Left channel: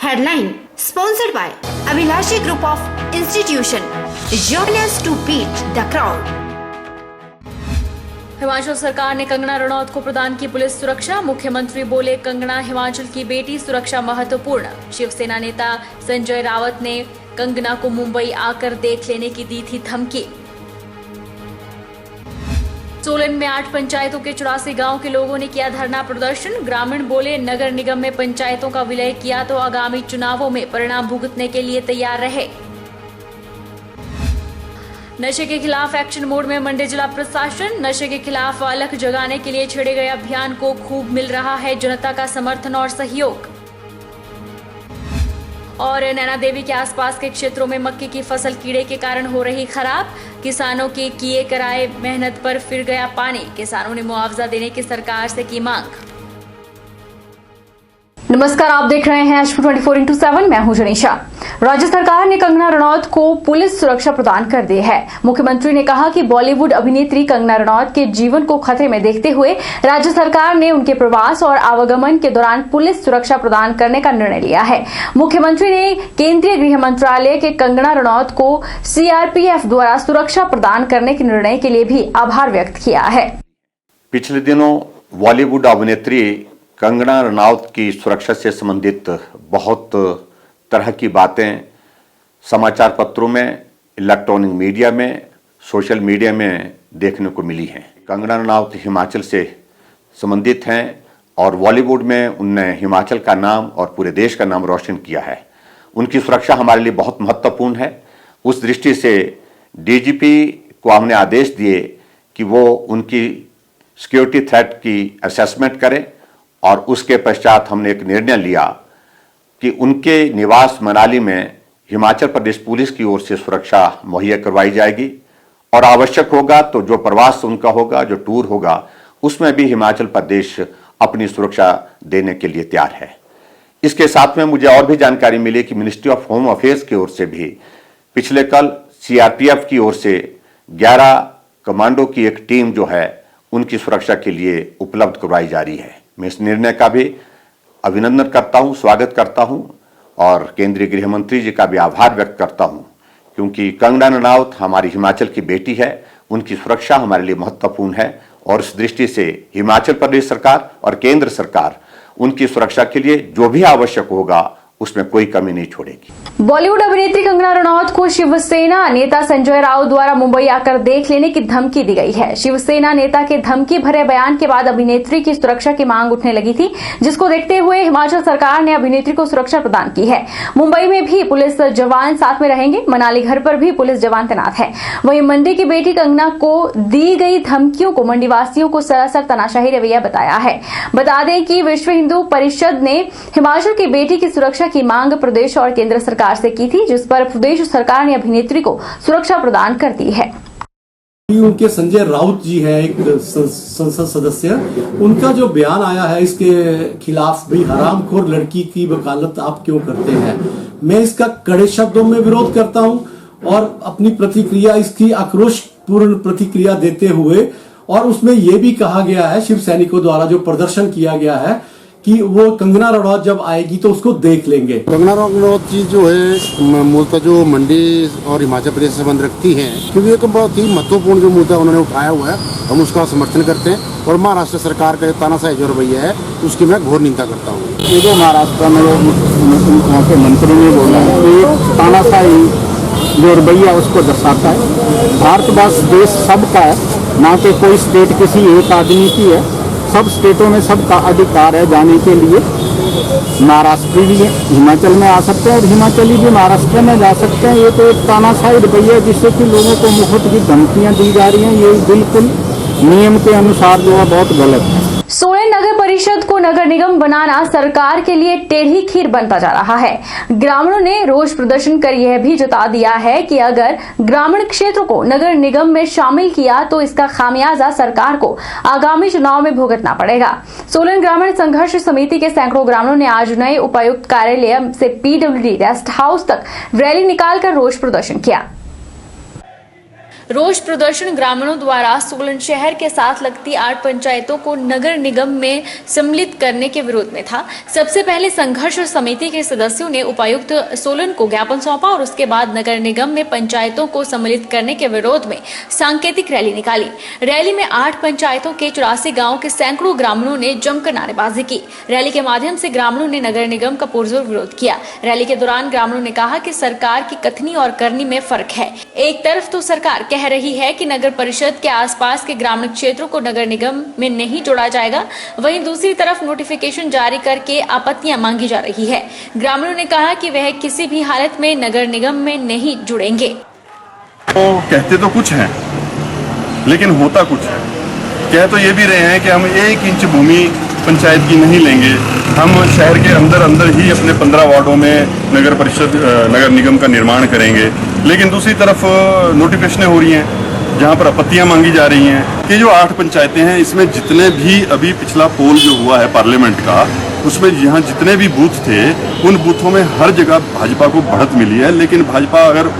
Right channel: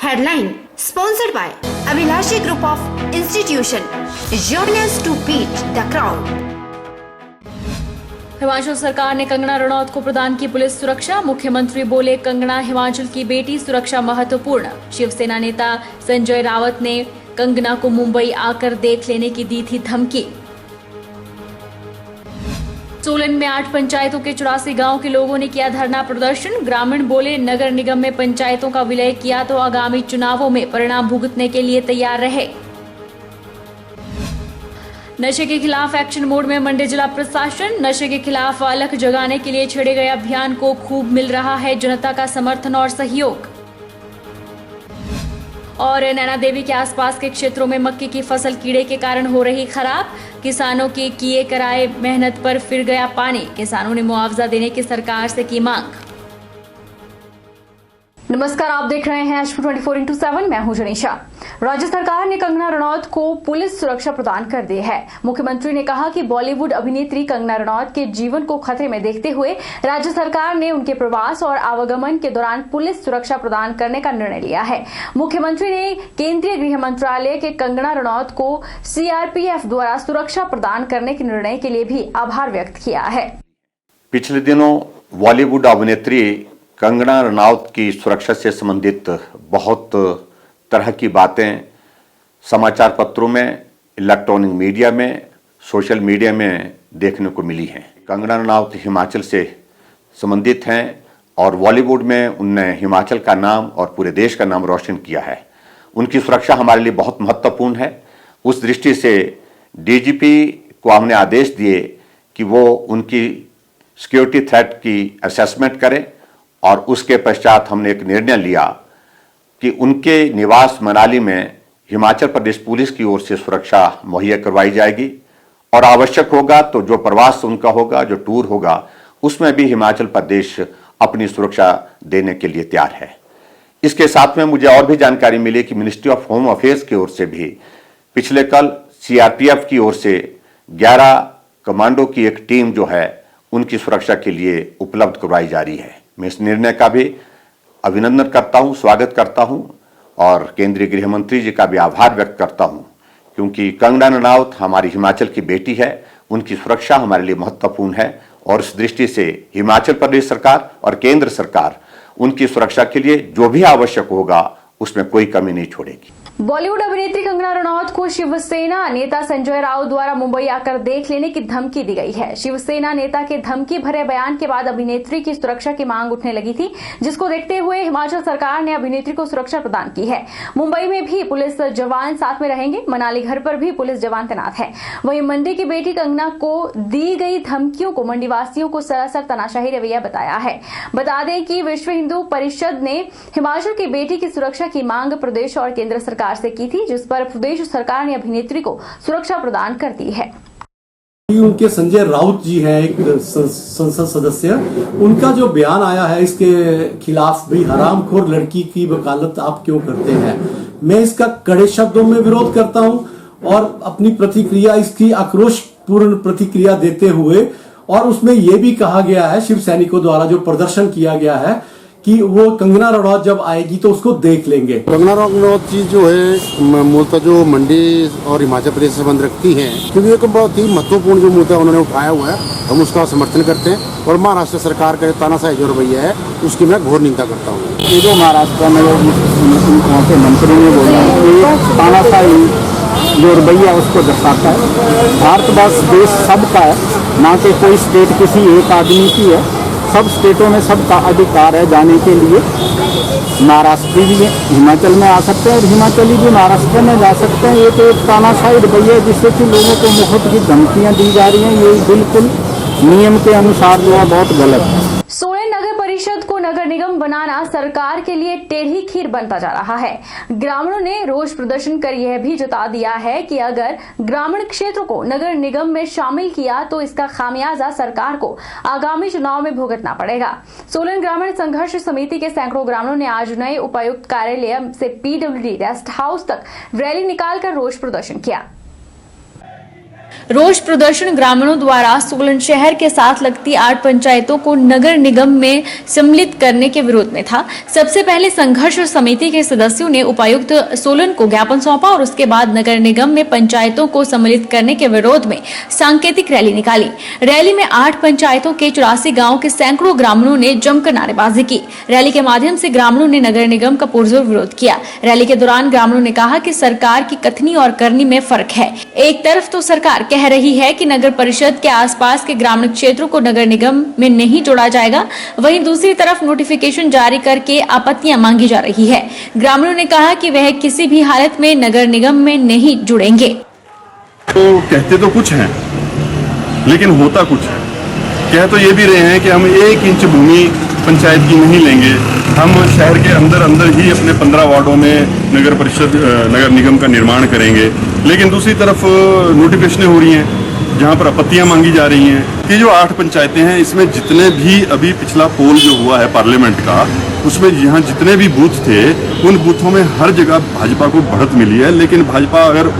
Headline sponsored by Abhilashi Group of Institution. Join us to beat the crowd. Himachal सरकार ने कंगना रणौत को प्रदान की पुलिस सुरक्षा। मुख्यमंत्री बोले, कंगना हिमाचल की बेटी, सुरक्षा महत्वपूर्ण। शिवसेना नेता संजय राउत ने कंगना को मुंबई आकर देख लेने की दी थी धमकी। सोलन में 8 पंचायतों के 84 गांव के लोगों ने किया धरना प्रदर्शन। ग्रामीण बोले, नगर निगम में पंचायतों का विलय किया तो आगामी चुनावों में परिणाम भुगतने के लिए तैयार रहे। नशे के खिलाफ एक्शन मोड में मंडी जिला प्रशासन। नशे के खिलाफ अलख जगाने के लिए छेड़े गए अभियान को खूब मिल रहा है जनता का समर्थन और सहयोग। और नैना देवी के आसपास के क्षेत्रों में मक्की की फसल कीड़े के कारण हो रही खराब। किसानों के किए कराए मेहनत पर फिर गया पानी। किसानों ने मुआवजा देने की सरकार से की मांग। नमस्कार, आप देख रहे हैं एच 24x7। मैं हूं जनीशा। राज्य सरकार ने कंगना रणौत को पुलिस सुरक्षा प्रदान कर दी है। मुख्यमंत्री ने कहा कि बॉलीवुड अभिनेत्री कंगना रणौत के जीवन को खतरे में देखते हुए राज्य सरकार ने उनके प्रवास और आवागमन के दौरान पुलिस सुरक्षा प्रदान करने का निर्णय लिया है। मुख्यमंत्री ने केंद्रीय गृह मंत्रालय के कंगना रणौत को सीआरपीएफ द्वारा सुरक्षा प्रदान करने के निर्णय के लिए भी आभार व्यक्त किया है। पिछले दिनों बॉलीवुड अभिनेत्री कंगना रनौत की सुरक्षा से संबंधित बहुत तरह की बातें समाचार पत्रों में, इलेक्ट्रॉनिक मीडिया में, सोशल मीडिया में देखने को मिली हैं। कंगना रनौत हिमाचल से संबंधित हैं और बॉलीवुड में उनने हिमाचल का नाम और पूरे देश का नाम रोशन किया है। उनकी सुरक्षा हमारे लिए बहुत महत्वपूर्ण है। उस दृष्टि से डीजीपी को हमने आदेश दिए कि वो उनकी सिक्योरिटी थ्रेट की असेसमेंट करें और उसके पश्चात हमने एक निर्णय लिया कि उनके निवास मनाली में हिमाचल प्रदेश पुलिस की ओर से सुरक्षा मुहैया करवाई जाएगी और आवश्यक होगा तो जो प्रवास उनका होगा, जो टूर होगा, उसमें भी हिमाचल प्रदेश अपनी सुरक्षा देने के लिए तैयार है। इसके साथ में मुझे और भी जानकारी मिली कि मिनिस्ट्री ऑफ होम अफेयर्स की ओर से भी पिछले कल सीआरपीएफ की ओर से 11 कमांडो की एक टीम जो है उनकी सुरक्षा के लिए उपलब्ध करवाई जा रही है। मैं इस निर्णय का भी अभिनंदन करता हूं, स्वागत करता हूं और केंद्रीय गृह मंत्री जी का भी आभार व्यक्त करता हूं, क्योंकि कंगना रनौत हमारी हिमाचल की बेटी है। उनकी सुरक्षा हमारे लिए महत्वपूर्ण है और इस दृष्टि से हिमाचल प्रदेश सरकार और केंद्र सरकार उनकी सुरक्षा के लिए जो भी आवश्यक होगा उसमें कोई कमी नहीं छोड़ेगी। बॉलीवुड अभिनेत्री कंगना रनौत को शिवसेना नेता संजय राउत द्वारा मुंबई आकर देख लेने की धमकी दी गई है। शिवसेना नेता के धमकी भरे बयान के बाद अभिनेत्री की सुरक्षा की मांग उठने लगी थी, जिसको देखते हुए हिमाचल सरकार ने अभिनेत्री को सुरक्षा प्रदान की है। मुंबई में भी पुलिस जवान साथ में रहेंगे। मनाली घर पर भी पुलिस जवान तैनात है। वहीं मंडी की बेटी कंगना को दी गई धमकियों को मंडी वासियों को सरासर तनाशाही रवैया बताया है। बता दें कि विश्व हिंदू परिषद ने हिमाचल की बेटी की सुरक्षा की मांग प्रदेश और केंद्र सरकार से की थी, जिस पर प्रदेश सरकार ने अभिनेत्री को सुरक्षा प्रदान कर दी है। उनके संजय राउत जी हैं, एक संसद सदस्य, उनका जो बयान आया है इसके खिलाफ, भी हरामखोर लड़की की वकालत आप क्यों करते हैं, मैं इसका कड़े शब्दों में विरोध करता हूं और अपनी प्रतिक्रिया, इसकी आक्रोशपूर्ण प्रतिक्रिया देते हुए, और उसमें यह भी कहा गया है शिव सैनिकों द्वारा जो प्रदर्शन किया गया है कि वो कंगना रनौत जब आएगी तो उसको देख लेंगे। कंगना रनौत जी जो है मूलतः जो मंडी और हिमाचल प्रदेश से संबंध रखती हैं, क्योंकि एक बहुत ही महत्वपूर्ण जो मुद्दा उन्होंने उठाया हुआ है, हम उसका समर्थन करते हैं और महाराष्ट्र सरकार का तानाशाही जो रवैया है उसकी मैं घोर निंदा करता हूँ। ये जो महाराष्ट्र में वहाँ के मंत्री ने बोला कि तानाशाही जो रवैया उसको दर्शाता है। भारतवर्ष देश सबका है, ना कि कोई स्टेट किसी एक आदमी की है। सब स्टेटों में सबका अधिकार है जाने के लिए। महाराष्ट्र भी हिमाचल में आ सकते हैं और हिमाचली भी महाराष्ट्र में जा सकते हैं। ये तो एक तानाशाही रवैया है जिससे कि लोगों को मुफ्त की धमकियां दी जा रही हैं। ये बिल्कुल नियम के अनुसार जो है बहुत गलत है। सोलन नगर परिषद को नगर निगम बनाना सरकार के लिए टेढ़ी खीर बनता जा रहा है। ग्रामीणों ने रोष प्रदर्शन कर यह भी जता दिया है कि अगर ग्रामीण क्षेत्रों को नगर निगम में शामिल किया तो इसका खामियाजा सरकार को आगामी चुनाव में भुगतना पड़ेगा। सोलन ग्रामीण संघर्ष समिति के सैकड़ों ग्रामीणों ने आज नए उपायुक्त कार्यालय से पीडब्ल्यूडी रेस्ट हाउस तक रैली निकालकर रोष प्रदर्शन किया। रोष प्रदर्शन ग्रामीणों द्वारा सोलन शहर के साथ लगती 8 पंचायतों को नगर निगम में सम्मिलित करने के विरोध में था। सबसे पहले संघर्ष समिति के सदस्यों ने उपायुक्त सोलन को ज्ञापन सौंपा और उसके बाद नगर निगम में पंचायतों को सम्मिलित करने के विरोध में सांकेतिक रैली निकाली। रैली में 8 पंचायतों के 84 गाँव के सैकड़ों ग्रामीणों ने जमकर नारेबाजी की। रैली के माध्यम से ग्रामीणों ने नगर निगम का पुरजोर विरोध किया। रैली के दौरान ग्रामीणों ने कहा कि सरकार की कथनी और करनी में फर्क है। एक तरफ तो सरकार कह रही है कि नगर परिषद के आसपास के ग्रामीण क्षेत्रों को नगर निगम में नहीं जोड़ा जाएगा, वहीं दूसरी तरफ नोटिफिकेशन जारी करके आपत्तियां मांगी जा रही है। ग्रामीणों ने कहा कि वह किसी भी हालत में नगर निगम में नहीं जुड़ेंगे। तो कहते तो कुछ हैं, लेकिन होता कुछ है। कह तो ये भी रहे हैं कि हम 1 इंच भूमि पंचायत की नहीं लेंगे, हम शहर के अंदर ही अपने 15 वार्डों में नगर परिषद नगर निगम का निर्माण करेंगे। लेकिन दूसरी तरफ नोटिफिकेशनें हो रही हैं जहाँ पर आपत्तियाँ मांगी जा रही हैं। ये जो 8 पंचायतें हैं, इसमें जितने भी अभी पिछला पोल जो हुआ है पार्लियामेंट का, उसमें यहाँ जितने भी बूथ थे, उन बूथों में हर जगह भाजपा को बढ़त मिली है। लेकिन भाजपा अगर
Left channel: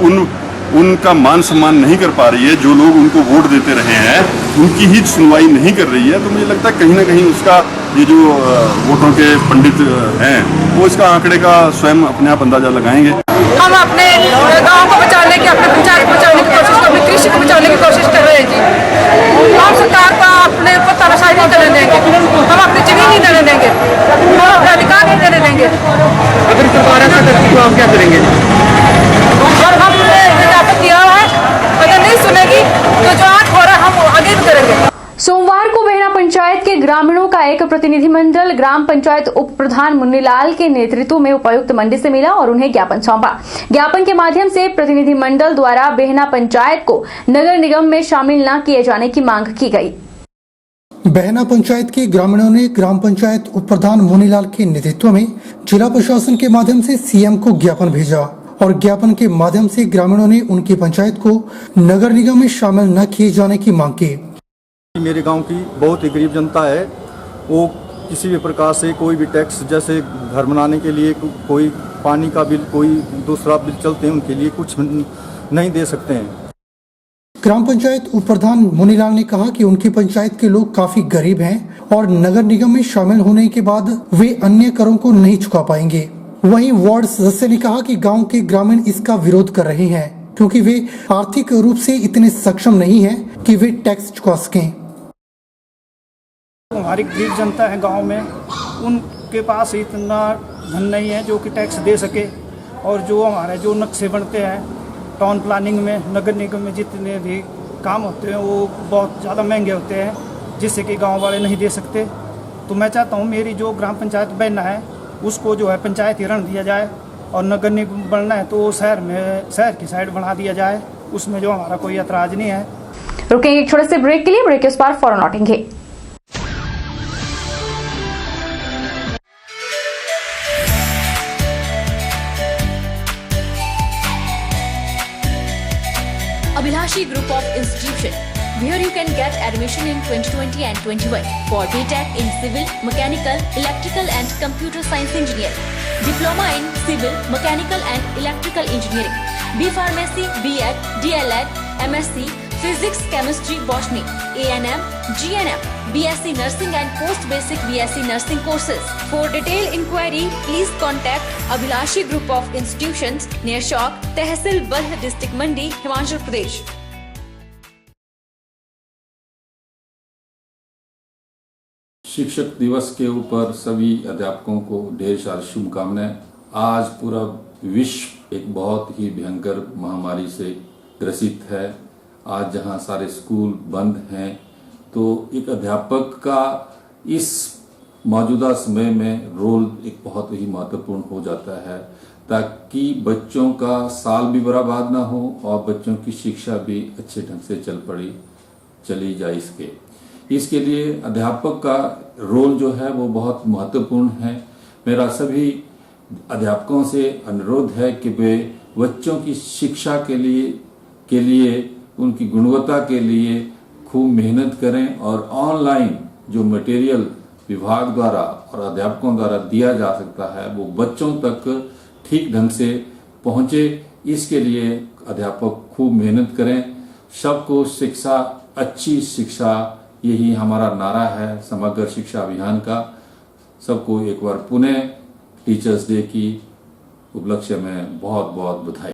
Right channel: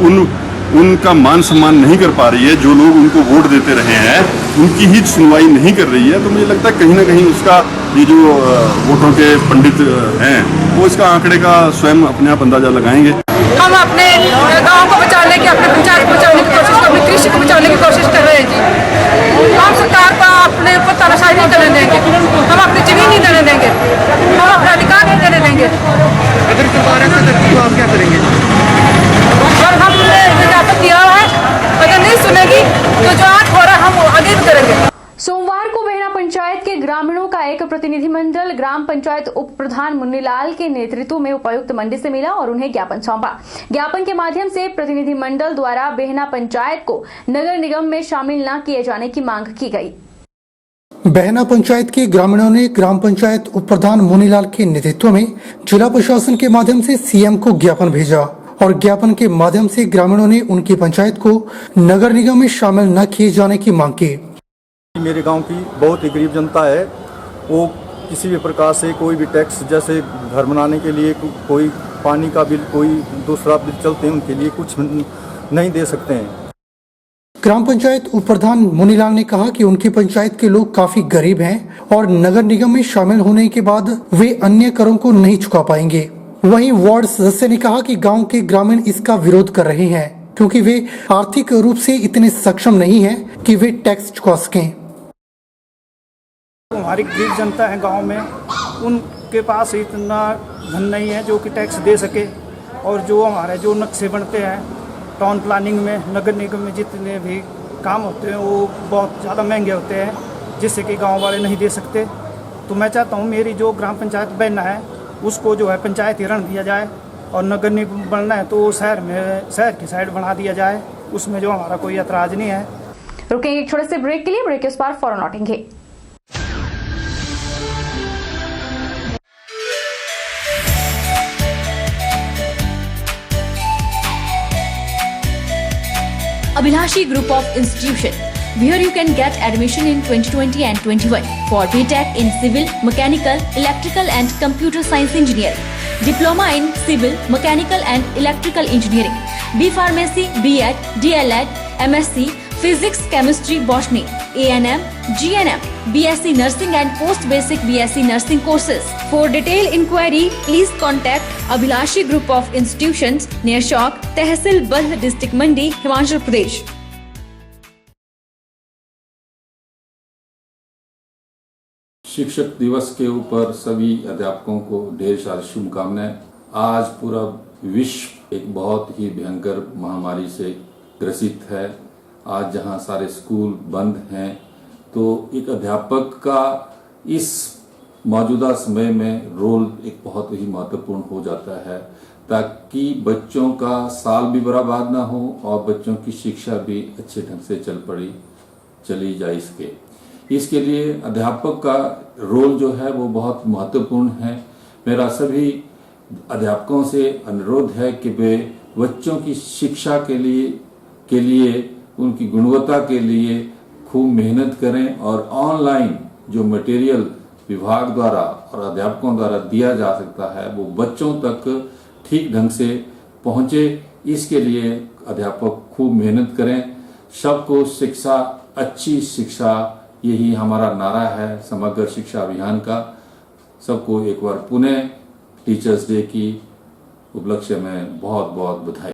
उनका मान सम्मान नहीं कर पा रही है, जो लोग उनको वोट देते रहे हैं उनकी ही सुनवाई नहीं कर रही है, तो मुझे लगता है कहीं ना कहीं उसका ये जो वोटों के पंडित हैं वो इसका आंकड़े का स्वयं अपने आप अंदाजा लगाएंगे। हम अपने गांव को बचाने की, अपने पंचायत को बचाने की कोशिश, अपनी कृषि को बचाने की कोशिश कर रहे हैं जी। हम सरकार को अपने ऊपर तानाशाही नहीं करने देंगे, हम अपनी जमीन नहीं देने देंगे, हम अपना अधिकार नहीं देने देंगे। अगर सरकार ऐसा करती तो आप क्या करेंगे? और हमने ज्ञापन दिया है, अगर नहीं सुनेगी तो जो आज हो रहा है हम आगे भी करेंगे। सोमवार को बेहना पंचायत के ग्रामीणों का एक प्रतिनिधिमंडल ग्राम पंचायत उप प्रधान मुन्नीलाल के नेतृत्व में उपायुक्त मंडी से मिला और उन्हें ज्ञापन सौंपा। ज्ञापन के माध्यम से प्रतिनिधिमंडल द्वारा बेहना पंचायत को नगर निगम में शामिल न किए जाने की मांग की गई। बेहना पंचायत के ग्रामीणों ने ग्राम पंचायत उप प्रधान मुन्नीलाल के नेतृत्व में जिला प्रशासन के माध्यम से सीएम को ज्ञापन भेजा और ज्ञापन के माध्यम से ग्रामीणों ने उनकी पंचायत को नगर निगम में शामिल न किए जाने की मांग की। मेरे गांव की बहुत ही गरीब जनता है, वो किसी भी प्रकार से कोई भी टैक्स, जैसे घर बनाने के लिए कोई पानी का बिल, कोई दूसरा बिल चलते हैं, उनके लिए कुछ नहीं दे सकते हैं। ग्राम पंचायत उप प्रधान मुन्नीलाल ने कहा कि उनकी पंचायत के लोग काफी गरीब हैं और नगर निगम में शामिल होने के बाद वे अन्य करों को नहीं चुका पाएंगे। वहीं वार्ड सदस्य ने कहा कि गांव के ग्रामीण इसका विरोध कर रहे हैं क्योंकि वे आर्थिक रूप से इतने सक्षम नहीं हैं कि वे टैक्स चुका सकें। हमारी गरीब जनता है गांव में, उनके पास इतना धन नहीं है जो कि टैक्स दे सके। और जो हमारे जो नक्शे बनते हैं टाउन प्लानिंग में, नगर निगम में जितने भी काम होते हैं वो बहुत ज़्यादा महंगे होते हैं, जिससे कि गांव वाले नहीं दे सकते। तो मैं चाहता हूँ मेरी जो ग्राम पंचायत बेहना है उसको जो है पंचायती रण दिया जाए, और नगर निगम बनना है तो शहर की साइड बना दिया जाए, उसमें जो हमारा कोई एतराज़ नहीं है। रुकेंगे एक छोटे से ब्रेक के लिए, ब्रेक के उस पार फौरन लौटेंगे। Abhilashi Group of Institution, where you can get admission in 2020 and 21 for BTech in Civil, Mechanical, Electrical and Computer Science Engineering, Diploma in Civil, Mechanical and Electrical Engineering, B Pharmacy, B.Ed, D.L.Ed, MSc, Physics, Chemistry, Botany, A&M, GNM, BSc Nursing and Post Basic BSc Nursing courses. For detailed inquiry, please contact Abhilashi Group of Institutions near Chowk, Tehsil Baldh District Mandi, Himachal Pradesh. शिक्षक दिवस के ऊपर सभी अध्यापकों को ढेर सारी शुभकामनाएं। आज पूरा विश्व एक बहुत ही भयंकर महामारी से ग्रसित है। आज जहां सारे स्कूल बंद हैं, तो एक अध्यापक का इस मौजूदा समय में रोल एक बहुत ही महत्वपूर्ण हो जाता है, ताकि बच्चों का साल भी बर्बाद ना हो और बच्चों की शिक्षा भी अच्छे ढंग से चली जाए। इसके लिए अध्यापक का रोल जो है वो बहुत महत्वपूर्ण है। मेरा सभी अध्यापकों से अनुरोध है कि वे बच्चों की शिक्षा के लिए उनकी गुणवत्ता के लिए खूब मेहनत करें और ऑनलाइन जो मटेरियल विभाग द्वारा और अध्यापकों द्वारा दिया जा सकता है वो बच्चों तक ठीक ढंग से पहुंचे। इसके लिए अध्यापक खूब मेहनत करें। सबको शिक्षा, अच्छी शिक्षा, यही हमारा नारा है समग्र शिक्षा अभियान का। सबको एक बार पुनः टीचर्स डे की उपलक्ष्य में बहुत बहुत बधाई।